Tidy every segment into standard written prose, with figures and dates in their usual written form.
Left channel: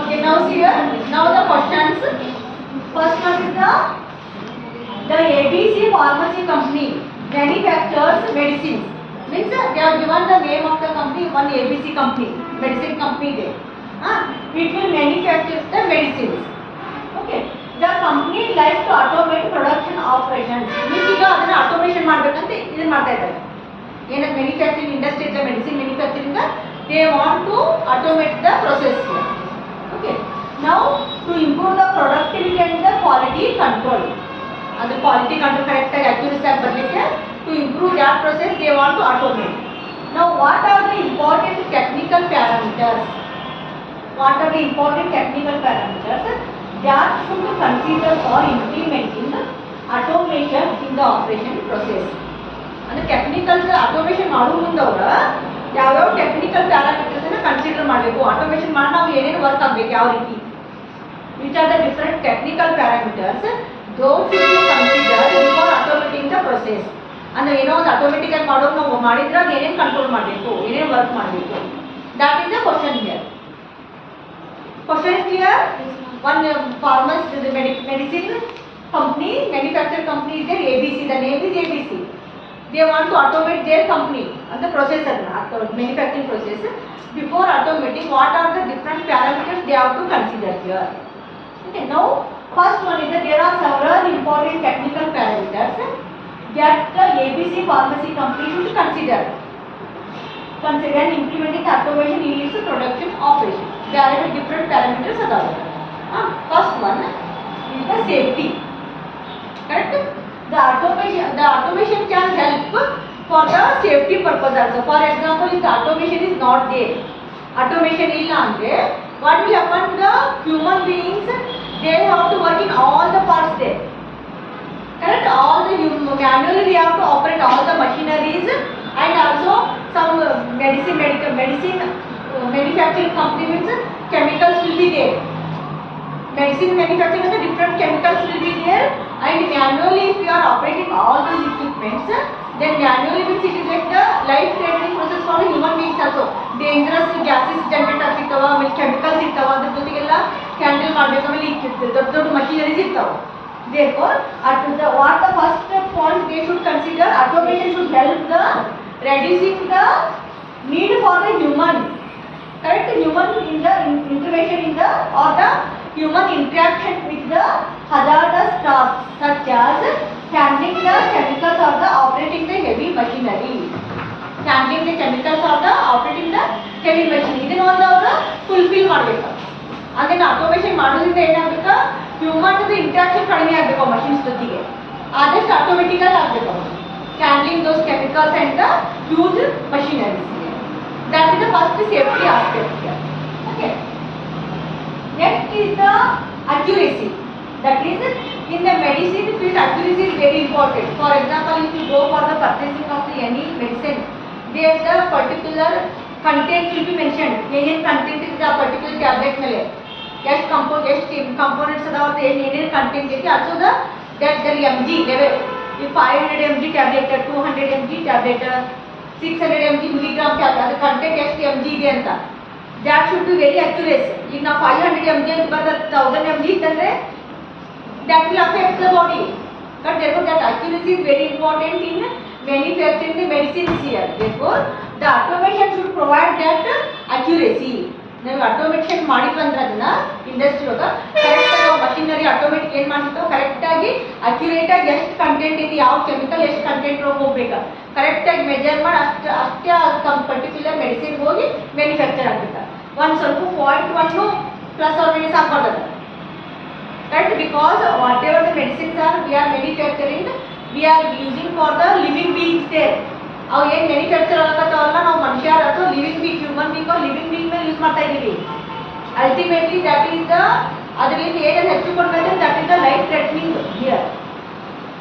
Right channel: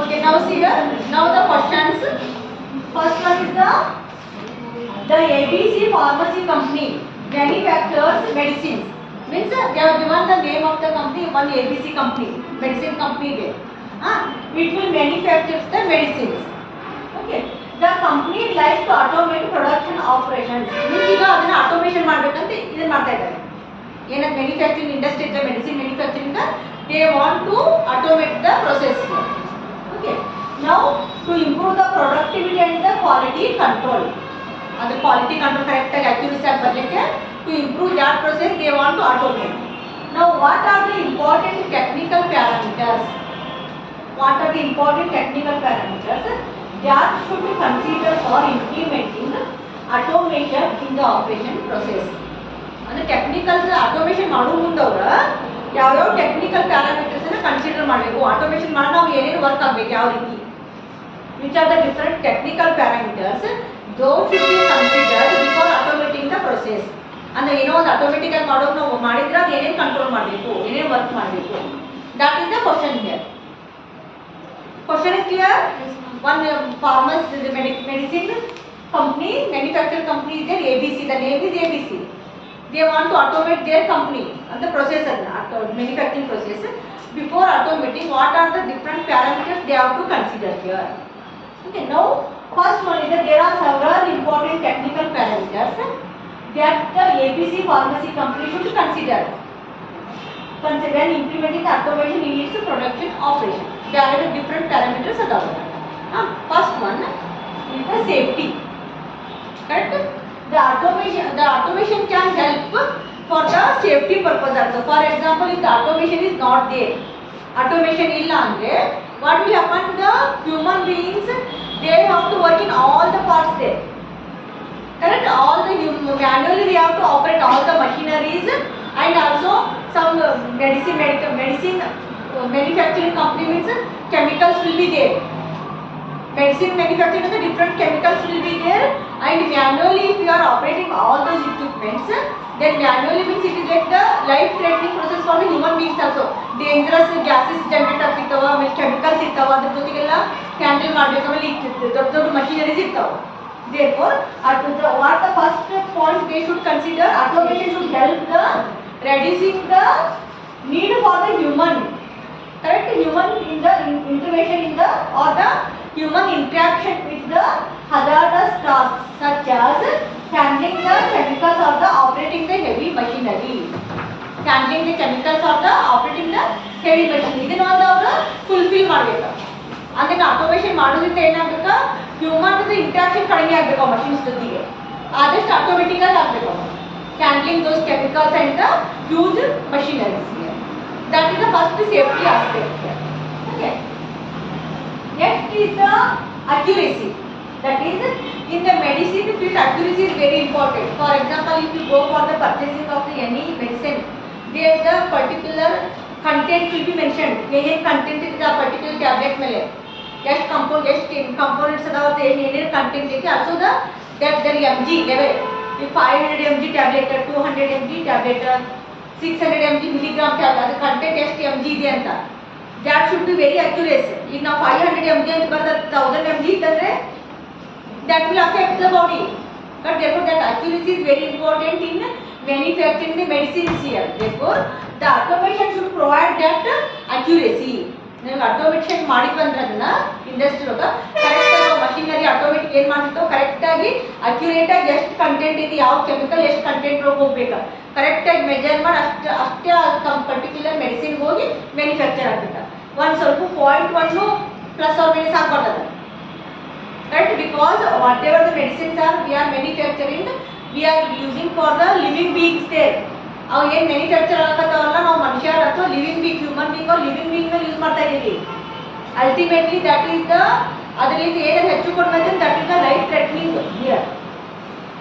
Okay, now see here. Now the questions. First one is the ABC Pharmacy Company manufactures medicines. Means they have given the name of the company, one ABC company, medicine company there. It will manufacture the medicines. Okay. The company likes to automate production operations. Means ಈಗ ಅದನ್ನ automation ಮಾಡಬೇಕಂತ ಇದನ್ನ ಮಾಡ್ತಾ ಇದ್ದಾರೆ. ಏನಂತ manufacturing industry ಇದೆ medicine manufacturing they want to automate the process here. Okay. Now to improve the productivity and the quality control. The quality control correct accuracy ಆಗಿ ಬರಲಿಕ್ಕೆ to improve that process they want to automate. Now what are the important technical parameters? What are the important technical parameters that should be considered for implementing automation in the operation process? ಅಂದರೆ technical automation ಮಾಡೋ ಮುಂದವ್ರ ಯಾವ್ಯಾವ technical parameters ಅನ್ನ consider ಮಾಡಬೇಕು automation ಮಾಡಿ ನಾವು ಏನೇನು work ಆಗಬೇಕು ಯಾವ ರೀತಿ which are the different technical parameters those should be considered before automating the process. ಅಂದರೆ ಏನೋ ಒಂದು ಆಟೋಮೆಟಿಕ್ ಆಗಿ ಮಾಡೋದು ನಾವು ಮಾಡಿದ್ರೆ ಅದು ಏನೇನು ಕಂಟ್ರೋಲ್ ಮಾಡಬೇಕು ಏನೇನು ವರ್ಕ್ ಮಾಡಬೇಕು that is the question here. Question is clear? One medicine company, manufacturer company is there ABC. The name is ABC. They want to automate their company and the process, manufacturing process. Before automating, what are the different parameters they have to consider here? Okay. Now, first one is that there are several important technical parameters that the ABC pharmacy company should consider. When implementing automation in its production operation. There are different parameters available. First one is the safety. Correct? The automation can help for the safety purpose also. For example, if the automation is not there, automation illa andre, what will happen? The human beings they have to work in all the parts there. Correct? All the manually they have to operate all the machineries and also some medicine manufacturing company means chemicals will be there. Medicine manufacturing means different chemicals will be there and manually if you are operating all those equipments then manually means it is like the life threatening process for the human beings also. Dangerous gases generate ಆಗ್ತಿರ್ತವ chemicals ಇರ್ತಾವ ಅದ್ರ ಜೊತೆಗೆಲ್ಲ handle ಮಾಡಬೇಕು ಆಮೇಲೆ ದೊಡ್ಡ machineries ಇರ್ತಾವ. Therefore what the first point they should consider automation should help the reducing the need for the human. Correct? Human in the intervention in the or the human interaction with the hazardous tasks such as handling the chemicals or the operating the heavy machinery. Handling the chemicals or the operating the heavy machinery. ಇದನ್ನ ಒಂದು ಅವರು fulfil ಮಾಡಬೇಕು. ಅದನ್ನ automation ಮಾಡೋದ್ರಿಂದ ಏನಾಗಬೇಕು human interaction ಕಡಿಮೆ ಆಗಬೇಕು machines ಜೊತೆಗೆ ಆದಷ್ಟು ಆಟೋಮೆಟಿಕ್ ಆಗಿ ಆಗಬೇಕು. Handling those chemicals and the huge machineries. That is the first safety aspect here. Okay. Next is the accuracy. That is in the medicine field accuracy is very important. For example, if you go for the purchasing of any medicine, there the particular content will be mentioned. Any content is the particular tablet mele. Just components about the any content is also the mg level. If 500 mg tablet, 200 mg tablet, 600 mg milligram tablet, the content ಎಷ್ಟು mg ಇದೆ ಅಂತ that should be very accurate. ಈಗ ನಾವು 500 mg ಅಂತ ಬರೆದ 1000 mg ಇದ್ದರೆ that will affect the body. But therefore that accuracy is very important in manufacturing the medicines here. Therefore the automation should provide that accuracy. ನೀವು automation ಮಾಡಿದ್ವಿ ಅಂದ್ರೆ ಅದನ್ನ industry ಒಳಗೆ ಕರೆಕ್ಟಾಗಿ ಮಷಿನರಿ ಆಟೋಮೇಟಿಕ್ ಏನು ಮಾಡ್ತಿತ್ತು ಕರೆಕ್ಟಾಗಿ ಅಕ್ಯುರೇಟಾಗಿ ಎಷ್ಟು ಕಂಟೆಂಟ್ ಇದೆ ಯಾವ ಕೆಮಿಕಲ್ ಎಷ್ಟು ಕಂಟೆಂಟ್ ಒಳಗೆ ಹೋಗ್ಬೇಕು ಕರೆಕ್ಟಾಗಿ ಮೆಜರ್ ಮಾಡಿ ಅಷ್ಟೇ ಪರ್ಟಿಕ್ಯುಲರ್ ಮೆಡಿಸಿನ್ಗೆ ಹೋಗಿ ಮ್ಯಾನುಫ್ಯಾಕ್ಚರ್ ಆಗ್ಬೇಕು. ಒಂದು ಸ್ವಲ್ಪ .1 ಪ್ಲಸ್ ಆರ್ ಮೈನಸ್ ಆಗ್ಬಾರ್ದು. Right? Because whatever the medicines are we are manufacturing, we are using for the living beings there. ಅವು ಏನು ಮ್ಯಾನುಫ್ಯಾಕ್ಚರ್ ಆಗತ್ತವಲ್ಲ ನಾವು ಮನುಷ್ಯ ಅಥವಾ ಲಿವಿಂಗ್ ಬೀಂಗ್ ಹ್ಯೂಮನ್ ಬೀಂಗ್ ಅವ್ರು ಲಿವಿಂಗ್ ಬೀಂಗ್ ಮೇಲೆ ಯೂಸ್ ಮಾಡ್ತಾ ಇದ್ದೀವಿ. ಅಲ್ಟಿಮೇಟ್ಲಿ ದಟ್ ಈಸ್ ದ ಅದರಿಂದ ಏನಾದ್ರು ಹೆಚ್ಚು ಕೊಡ್ಬೇಕು that is the life threatening here.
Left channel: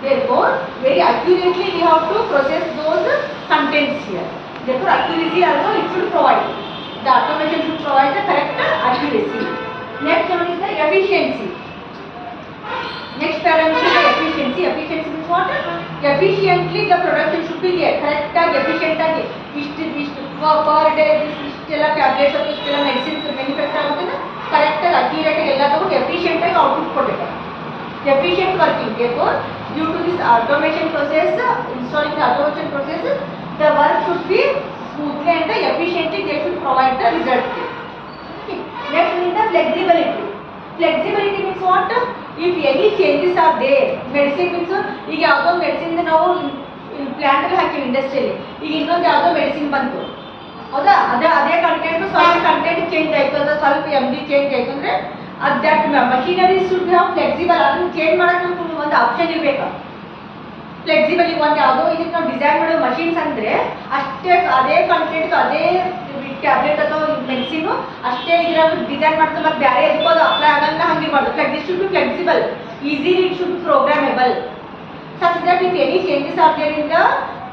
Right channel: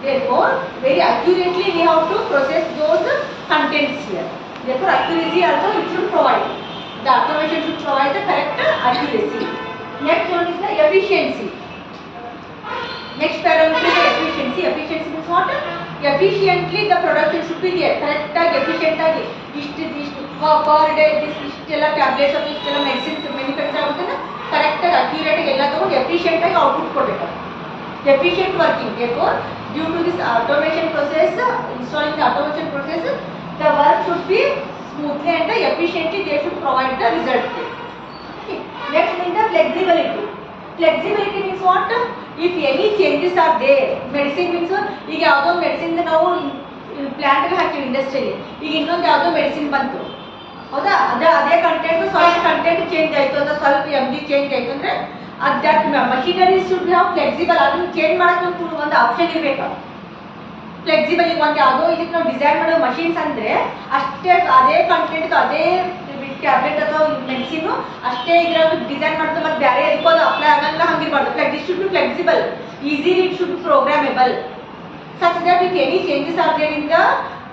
Therefore very accurately we have to process those contents here. Therefore accuracy also it should provide. The automation should provide the correct accuracy. Next one is the efficiency. Next parameter is the efficiency. Efficiency means what? Efficiently the production should be there. Correct efficient agi. Per day this ಇಷ್ಟೆಲ್ಲ tablets ಅಥವಾ ಇಷ್ಟೆಲ್ಲ medicines manufacture ಆಗೋದನ್ನ ಕರೆಕ್ಟಾಗಿ ಅಕ್ಯುರೇಟಾಗಿ ಎಲ್ಲ ತಗೊಂಡು ಎಫಿಷಿಯೆಂಟಾಗಿ output ಕೊಡಬೇಕು. Efficient working. Therefore, due to this automation process, installing the automation process, the work should be smoothly and efficiently. They should provide the result. Okay. Next is the flexibility. Flexibility means what? If any changes are there, medicine means ಈಗ ಯಾವುದೋ medicine ನಾವು plant ಹಾಕಿವಿ ಇಂಡಸ್ಟ್ರಿಯಲ್ಲಿ, ಈಗ ಇನ್ನೊಂದು ಯಾವುದೋ medicine ಬಂತು, ಹೌದಾ? ಅದೇ ಕಂಟೆಂಟ್ ಸ್ವಲ್ಪ ಕಂಟೆಂಟ್ ಚೇಂಜ್ ಆಯಿತು, ಅಥವಾ ಸ್ವಲ್ಪ MG ಚೇಂಜ್ ಆಯಿತು ಅಂದರೆ that machinery should be flexible. ಅದನ್ನು ಚೇಂಜ್ ಮಾಡಕ್ಕೆ ನಮ್ಗೆ ಒಂದು ಆಪ್ಷನ್ ಇರಬೇಕು. ಫ್ಲೆಕ್ಸಿಬಲ್ ಈಗ ಒಂದು ಯಾವುದೋ ಇದಕ್ಕೆ ನಾವು ಡಿಸೈನ್ ಮಾಡೋ ಮಷೀನ್ಸ್ ಅಂದರೆ ಅಷ್ಟೇ ಅದೇ ಕಂಟೆಂಟ್ ಅದೇ ಟ್ಯಾಬ್ಲೆಟ್ ಅಥವಾ ಮೆಡಿಸಿನು ಅಷ್ಟೇ ಇದ್ರಾಗ ಡಿಸೈನ್ ಮಾಡ್ತಾರೆ, ಮತ್ತೆ ಬೇರೆ ಇದಕ್ಕೂ ಅದು ಅಪ್ಲೈ ಆಗಲ್ಲ, ಹಂಗಿರ್ಬಾರ್ದು. It should be flexible, easily it should be programmable, such that if any changes are there in the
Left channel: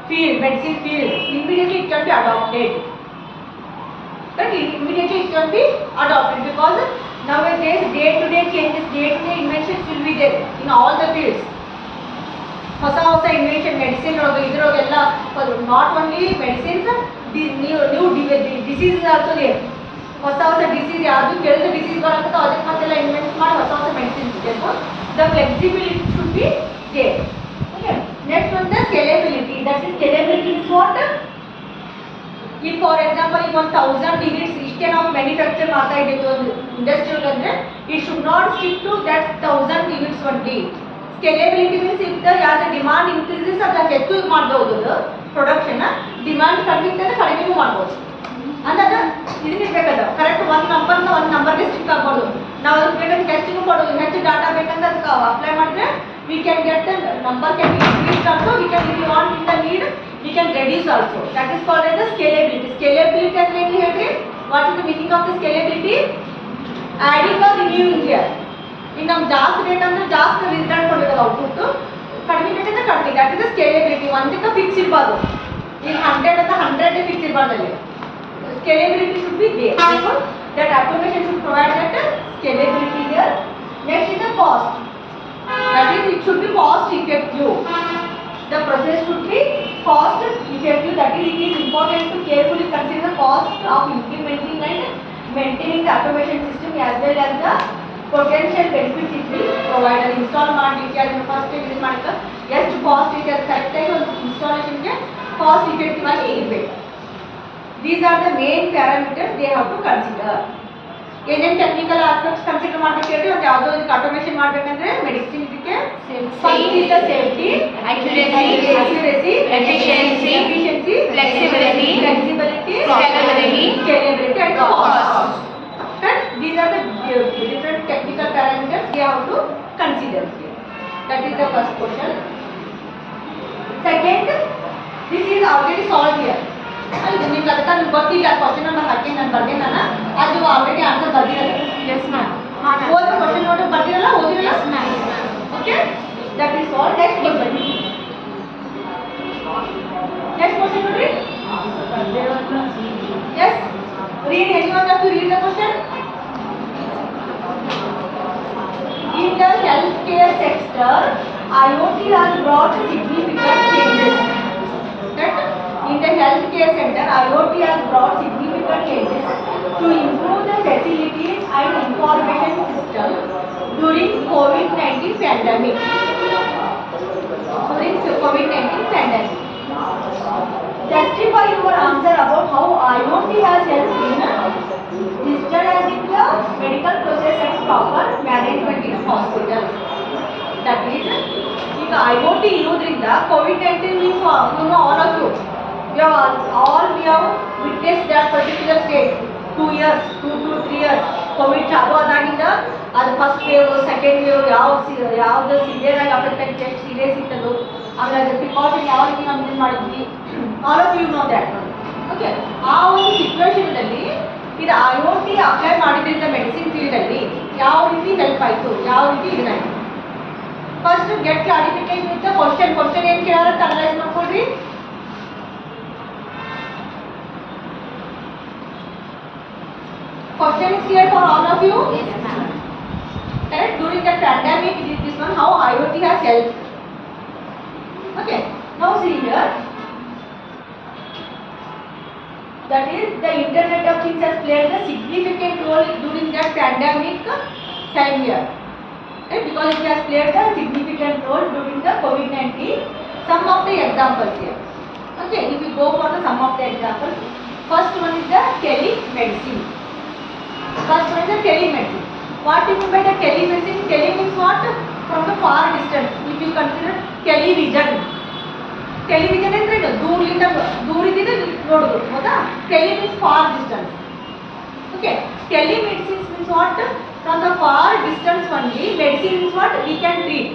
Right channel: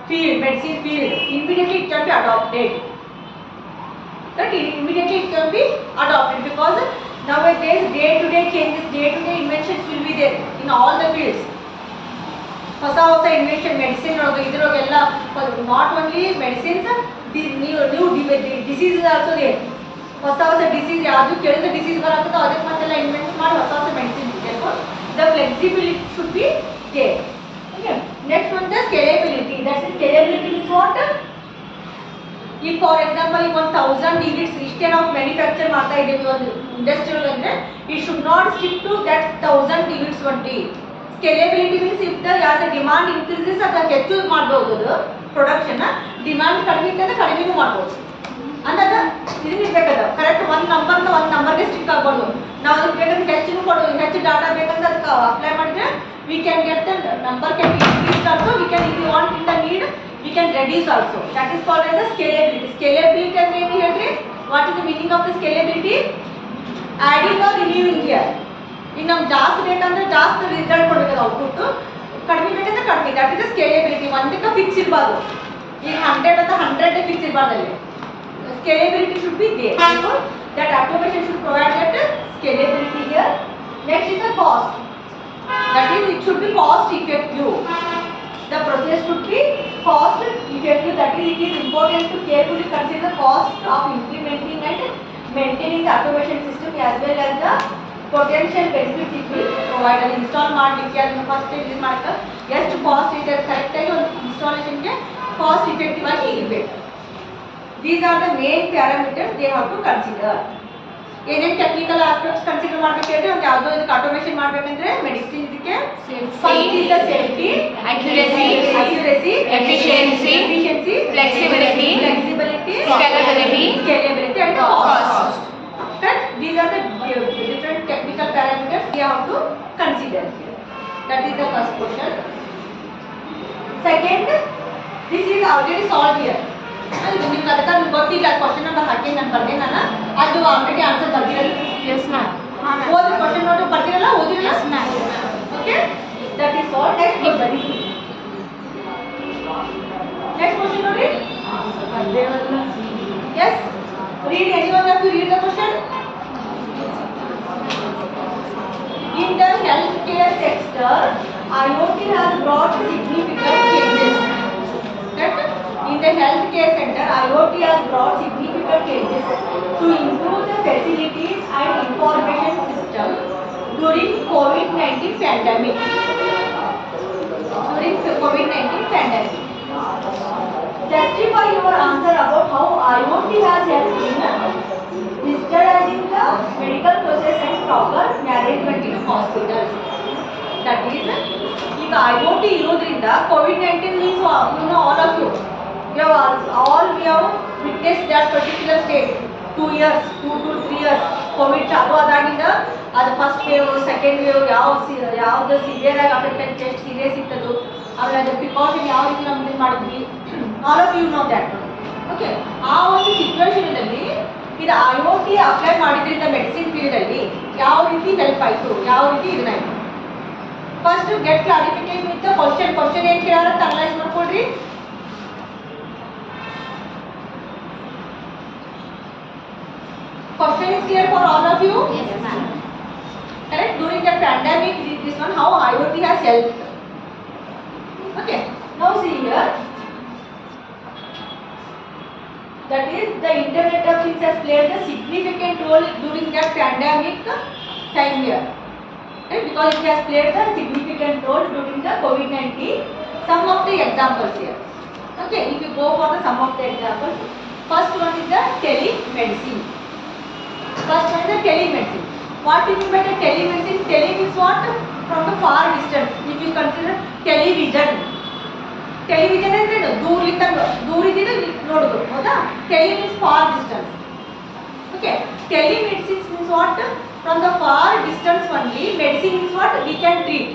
field, medicine field, immediately it can be adopted. But immediately it can be adopted because nowadays day-to-day changes, day-to-day inventions will be there in all the fields. ಹೊಸ invention medicine ಇದರೊಳಗೆಲ್ಲ not only medicines, new disease also there. ಹೊಸ disease ಯಾವುದು ಕೇಳಿದ್ರೆ disease ಬರತ್ತೋ ಅದಕ್ಕೆ ಮತ್ತೆಲ್ಲ invent ಮಾಡಿ ಹೊಸ medicines ಇದೆ. The flexibility should be there. Okay. Next one the scalability. That is scalability means what? ಈಗ ಫಾರ್ ಎಕ್ಸಾಂಪಲ್ ಈಗ 1000 ಯೂನಿಟ್ಸ್ ಇಷ್ಟೇ ನಾವು ಮ್ಯಾನುಫ್ಯಾಕ್ಚರ್ ಮಾಡ್ತಾ ಇದ್ದೀವಿ ಒಂದು ಇಂಡಸ್ಟ್ರಿಯಲ್ ಅಂದರೆ it should not stick to that 1000 units only. Scalability means if the as the demand increases ಅದನ್ನು ಹೆಚ್ಚು ಮಾಡ್ಬೋದು, ಅದು ಪ್ರೊಡಕ್ಷನ್. ಡಿಮಾಂಡ್ ಕಡಿಮೆ ಇದ್ದರೆ ಕಡಿಮೆನೂ ಮಾಡ್ಬೋದು. ಅಂದಾಗ ಇದಿರ್ಬೇಕದು ಕರೆಕ್ಟ್ ಒಂದು ನಂಬರ್ಗೆ ಸ್ಟಿಕ್ ಆಗ್ಬೋದು. ನಾವು ಅದಕ್ಕೆ ಬೇಕಂದ್ರೆ ಹೆಚ್ಚು ಕೊಡೋದು, ಹೆಚ್ಚು ಡಾಟಾ ಬೇಕಂದ್ರೆ ಅದಕ್ಕೆ ಅಪ್ಲೈ ಮಾಡಿದ್ರೆ we can get the number can be increased also. We can, if you want in the need, we can reduce also. That is called as the scalability. Scalability ಅಂದ್ರೆ ಏನು ಹೇಳ್ರಿ? What is the meaning of the scalability? Adding or removing here. ಈಗ ನಮ್ಗೆ ಜಾಸ್ತಿ ಬೇಕಂದ್ರೆ ಜಾಸ್ತಿ result ಕೊಡಬೇಕು output, ಕಡಿಮೆ ಬೇಕಂದ್ರೆ ಕಡಿಮೆ. That is the scalability. ಒಂದಕ್ಕೆ ಫಿಕ್ಸ್ ಇರಬಾರ್ದು. ಈಗ 100 ಅಥವಾ 100 ಫಿಕ್ಸ್ ಇರಬಾರ್ದು ಅಲ್ಲಿ. Scalability should be there. Therefore, that automation should provide that scalability here. Next is the cost. That is, it should be cost effective. The process should be cost effective. That is, it is important to carefully consider the cost of implementing and maintaining the automation system as well as the potential benefits it will provide. And install ಮಾಡಲಿಕ್ಕೆ ಅದನ್ನು first use ಮಾಡಕ್ಕೆ ಎಷ್ಟು cost ಇದೆ ಅದು ಕರೆಕ್ಟಾಗಿ ಒಂದು ಇನ್ಸ್ಟಾಲೇಷನ್ಗೆ cost effective ಆಗಿ ಇರಬೇಕು. These are the main parameters they have to consider. ಏನೇನು ಟೆಕ್ನಿಕಲ್ ಆಸ್ಪೆಕ್ಟ್ಸ್ ಕನ್ಸಿಡರ್ ಮಾಡಬೇಕು ಹೇಳಿ, ಒಂದು ಯಾವುದೋ ಇದಕ್ಕೆ ಆಟೋಮೇಷನ್ ಮಾಡಬೇಕಂದ್ರೆ ಮೆಡಿಸಿನ್ ಇದಕ್ಕೆ safety, accuracy, efficiency, flexibility, scalability and cost. But these are the different technical parameters they have to consider here. That is the first question. Second, this is already solved here. ಅದು ನಿಮ್ಗೆ ಅದಕ್ಕೆ ನಿಮ್ಗೆ ಗೊತ್ತಿಲ್ಲ, question number ಹಾಕಿ ನಾನು ಬರ್ದೆ, ನಾನು ಅದು already answer ಬರ್ದಿರಲ್ಲ. Yes ma'am. ಓದಿ ಕ್ವಶನ್ ನೋಡಿ ಬರ್ದಿರಲ್ಲ, ಓದಿರಲ್ಲ. Okay, that is all. Next question. Next question ನೋಡಿ. Yes, read anyone have to read the question. In the healthcare sector, IoT has brought significant changes. That in the healthcare sector, IoT has brought significant changes to improve the facilities and information system during COVID-19 pandemic. Justify your answer about how IoT has helped in digitalizing the medical process and proper management in hospitals. That is, ಈಗ IoT ಇರೋದ್ರಿಂದ COVID-19 means you know all of you. We have witnessed that particular state. 2 years, 2 to 3 years Covid ಚಾಲು ಆದಾಗಿಂದ ಅದು first wave, second wave, ಯಾವ್ದು severe ಆಗಿ affect ಆಗಿ ಎಷ್ಟು serious ಇತ್ತದು, ಆಮೇಲೆ ಅದ್ರ ಪ್ರಿಕಾಷನ್ ಯಾವ ರೀತಿ ನಾವು ಯೂಸ್ ಮಾಡಿದ್ವಿ, all of you know that. Okay, ಆ ಒಂದು ಸಿಚುವೇಶನಲ್ಲಿ ಇದು IoT ಅಪ್ಲೈ ಮಾಡಿದ್ರಿಂದ ಮೆಡಿಸಿನ್ ಫೀಲ್ಡಲ್ಲಿ ಯಾವ ರೀತಿ ಹೆಲ್ಪ್ ಆಯಿತು, ಯಾವ ರೀತಿ ಇದನ್ನಾಯಿತು. First get clarification with question ಏನು ಕೇಳಾರ ಅನಲೈಸ್ ಮಾಡ್ಕೊಳ್ರಿ. Question is clear for all of you? Yes, ma'am. Correct? During the pandemic, this one, how IoT has helped. Okay. Now see here. That is, the Internet of Things has played a significant role during that pandemic time here. Right? Because it has played a significant role during the COVID-19. Some of the examples here. Okay, if you go for the some of the examples, first one is the telemedicine. First one is the telemedicine. What do you mean by the telemedicine? Tele means what? From the far distance. If you consider television. Television is right. दूर इधर ನೋಡಬಹುದು ಹೌದಾ? Tele means far distance. Okay. Telemedicine means what? From the far distance only. Medicine means what? We can treat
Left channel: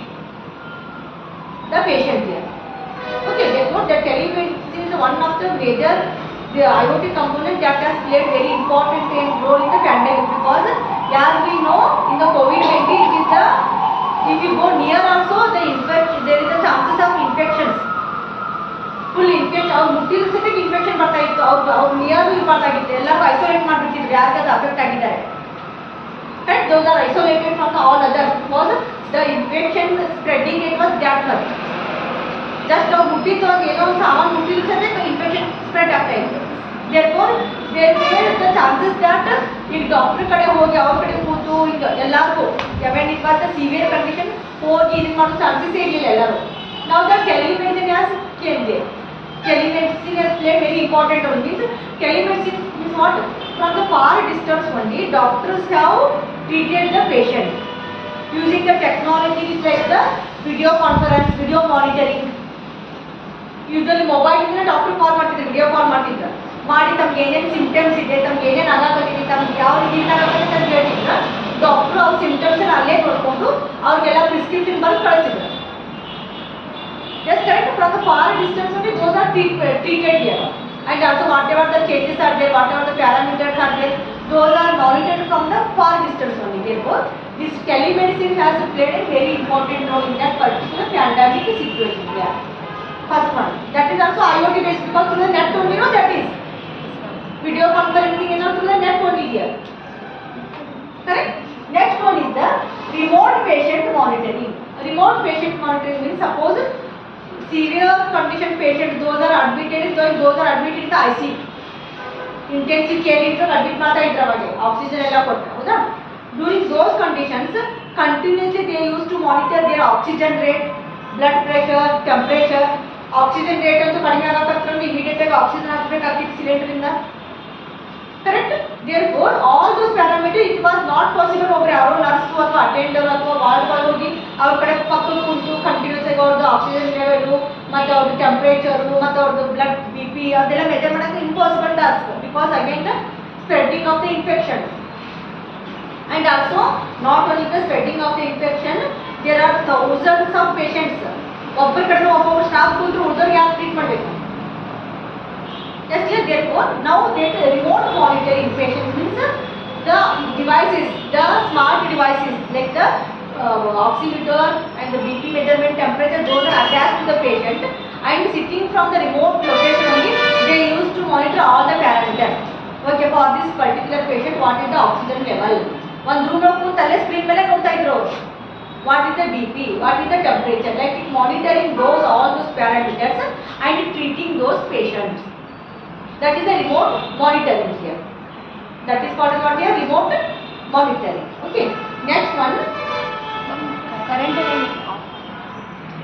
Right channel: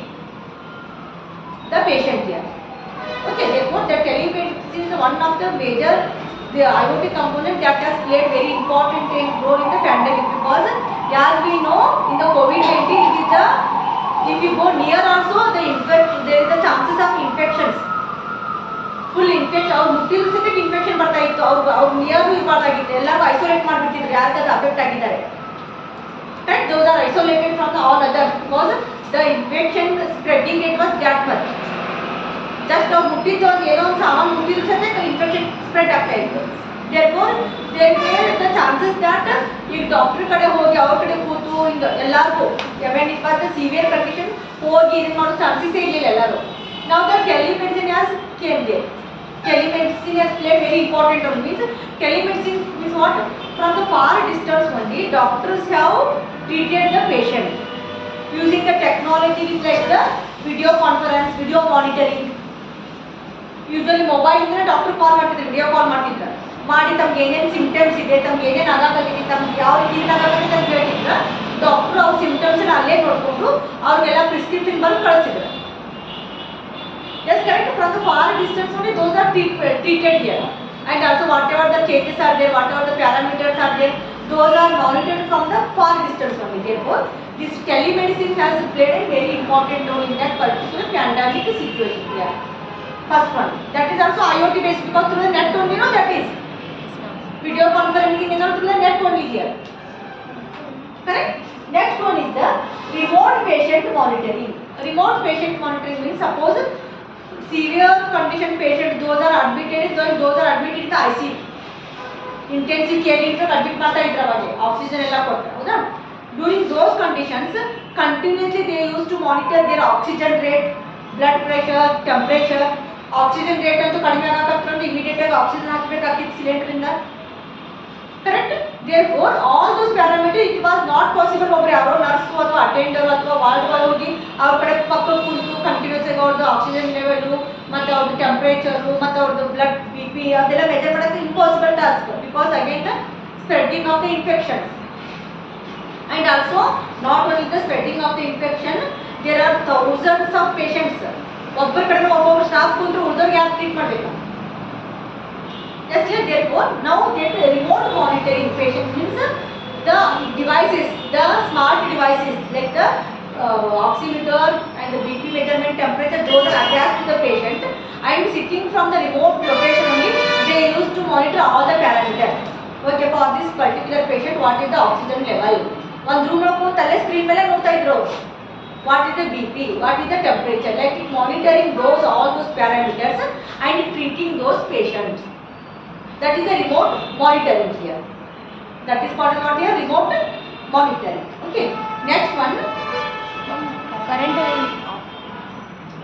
the patient here. Okay. Therefore, the telemedicine is one of the major IoT component that has played very important role in the pandemic, because as we know in the COVID-19 it is the, if you go near also there is a chances of infections. Full infection, ಅವ್ರು ಮುಟ್ಟಿದ್ರು ಸಹಿತ infection ಬರ್ತಾ ಇತ್ತು, ಅವ್ರು near ಇರಬಾರ್ದಾಗಿತ್ತು, ಎಲ್ಲರೂ isolate ಮಾಡಿಬಿಟ್ಟಿದ್ರು ಯಾರಿಗೆ affect ಆಗಿದ್ದಾರೆ. Correct? Those are isolated from all others because the infection spreading rate was that much. Just ಅವ್ರು ಮುಟ್ಟಿದ್ದು ಏನೋ ಒಂದು ಸಾಮಾನು ಮುಟ್ಟಿದ್ರು ಸಹಿತ ಇನ್ಫೆಕ್ಷನ್ ಸ್ಪ್ರೆಡ್ ಆಗ್ತಾ ಇತ್ತು. Therefore, there were the chances that ಈಗ ಡಾಕ್ಟರ್ ಕಡೆ ಹೋಗಿ ಅವ್ರ ಕಡೆ ಕೂತು ಹಿಂಗೆ ಎಲ್ಲರಿಗೂ when it was the severe condition ಹೋಗಿ ಇದು ಮಾಡೋ ಚಾನ್ಸಸ್ ಇರಲಿಲ್ಲ ಎಲ್ಲರೂ. Now the telemedicine has came there. Telemedicine has played very important role. Means telemedicine means what? From the far distance only, doctors have treated the patient using the technologies like the video conference, video monitoring. Usually mobile ಇಂದ doctor ಕಾಲ್ ಮಾಡ್ತಿದ್ರು, video call ಮಾಡ್ತಿದ್ರು, ಮಾಡಿ ತಮ್ಗೆ ಏನೇನು symptoms ಇದೆ, ತಮ್ಗೆ ಏನೇನು ಆಗಾಕತ್ತಿದೆ, ತಮ್ಗೆ ಯಾವ ರೀತಿ ಆಗಾಕತ್ತಿದೆ ಅಂತ ಹೇಳ್ತಿದ್ರು. ಡಾಕ್ಟರ್ ಅವ್ರ ಸಿಂಪ್ಟಮ್ಸ್ ಅಲ್ಲೇ ನೋಡಿಕೊಂಡು ಅವ್ರಿಗೆಲ್ಲ ಪ್ರಿಸ್ಕ್ರಿಪ್ಷನ್ ಬರೆದು ಕಳಿಸಿದ್ರು. Yes, correct. From the far distance only, those are treated here. And also whatever the changes are there, whatever the parameters are there, those are monitored from the far distance only. Therefore, this telemedicine has played a very important role in that particular pandemic situation here. First one. That is also IoT based, because through the net only, no, that is. Video conferencing is not through the net only here. Correct? Next one is the remote patient monitoring. Remote patient monitoring means suppose severe condition patient, those are admitted in the ICU. Intensive care unit admit ಮಾಡ್ತಾ ಇದ್ರು ಅವಾಗ oxygen ಎಲ್ಲ ಕೊಟ್ಟು ಹೌದಾ. During those conditions, continuously they used to monitor their oxygen rate, blood pressure, temperature. Oxygen rate ಅಂತೂ ಕಡಿಮೆ ಆಗಕತ್ತಂದ್ರೆ immediate ಆಗಿ oxygen ಹಾಕಬೇಕಾಗಿತ್ತು cylinder ಇಂದ. Correct? Therefore, all those parameters it was not possible ಒಬ್ಬರು ಯಾರೋ ನರ್ಸು ಅಥವಾ ಅಟೆಂಡರ್ ಅಥವಾ ವಾರ್ಡ್ಗಳು ಹೋಗಿ ಅವ್ರ ಕಡೆ ಪಕ್ಕ ಕುಳಿತು ಕಂಟಿನ್ಯೂಸ್ ಆಗಿ ಅವ್ರದ್ದು ಆಕ್ಸಿಜನ್ ಲೆವೆಲು ಮತ್ತು ಅವ್ರದ್ದು ಟೆಂಪ್ರೇಚರು ಮತ್ತು ಅವ್ರದ್ದು ಬ್ಲಡ್ BP ಅದೆಲ್ಲ ಮೆಜರ್ ಮಾಡೋಕ್ಕೆ impossible task, because again the spreading of the infection. And also not only the spreading of the infection, there are thousands of patients. ಒಬ್ಬರ ಕಡೆ ಒಬ್ಬೊಬ್ಬರು ಸ್ಟಾಫ್ ಕುಂತು ಉಳಿದವ್ರಿಗೆ ಯಾರು ಟ್ರೀಟ್ ಮಾಡಬೇಕು. Just like therefore, now that remote monitoring patients means the devices, the smart devices like the oximeter and the BP measurement, temperature, those are attached to the patient, and sitting from the remote location only, they used to monitor all the parameters. Okay, for this particular patient, what is the oxygen level? One room lo ಕೂತಲ್ಲೇ screen ಮೇಲೆ ನೋಡ್ತಾ ಇದ್ರು. What is the BP? What is the temperature? Like monitoring those all those parameters and treating those patients. That is the remote monitoring here. That is called what here? Remote monitoring. Okay. Next one. Current